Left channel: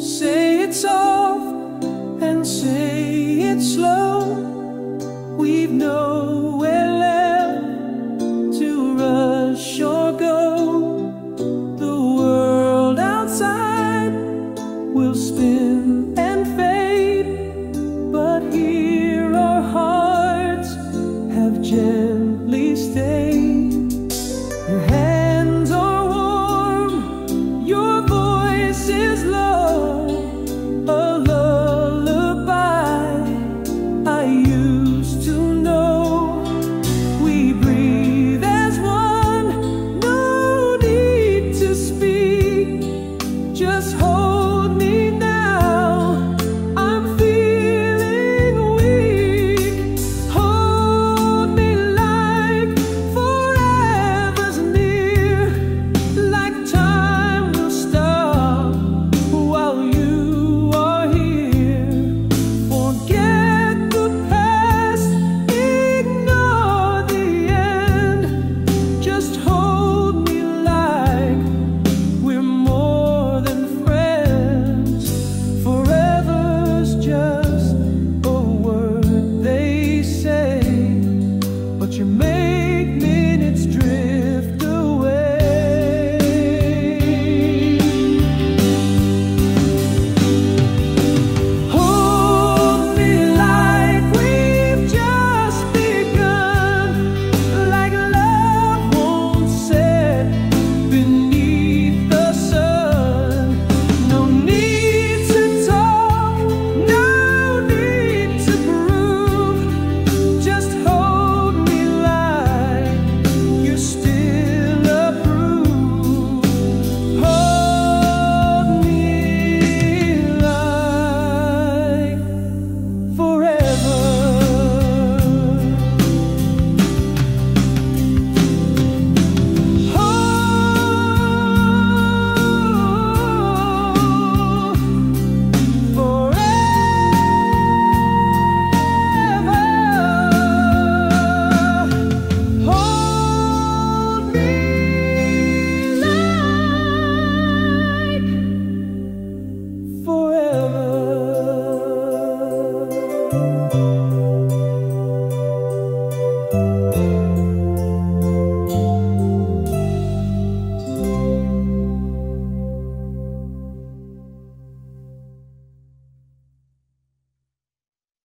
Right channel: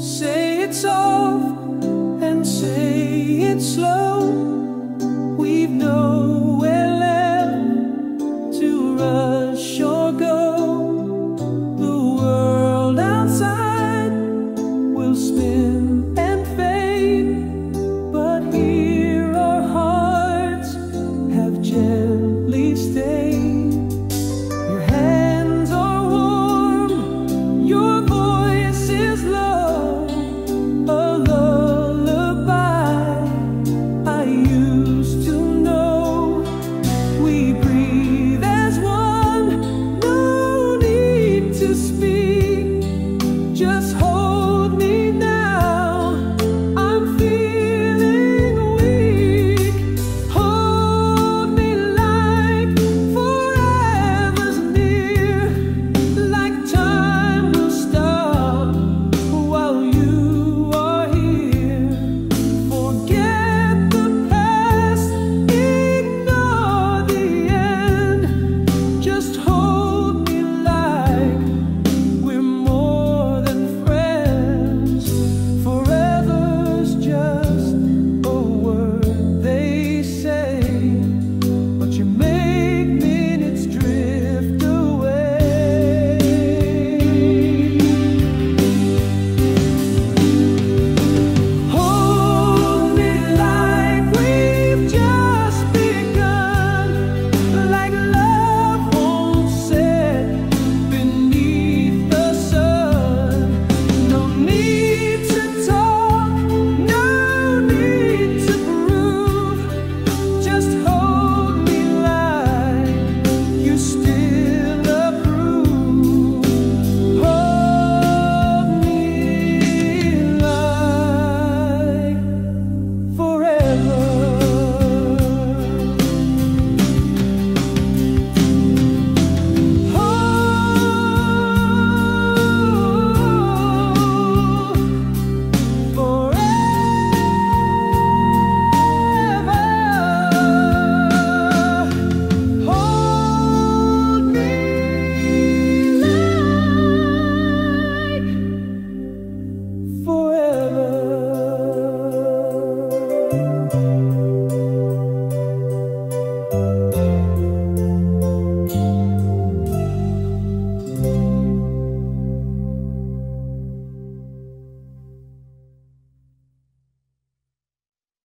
Say it soft and say it slow. We've nowhere left to rush or go. The world outside will spin and fade, but here our hearts have gently stayed. Your hands are warm, your voice is low, a lullaby I used to know. We breathe as one, no need to speak, just hold me now, I'm feeling weak. Hold me like forever's near, like time will stop while you are here. Forget the past, ignore the end, just hold me like we're more than friends. Forever's just a word they say, but you make minutes drift away. Hold me like we've just begun, like love won't set beneath the sun. No need to talk, no need to prove, just hold me like you still approve. Hold me like forever. Hold me like forever.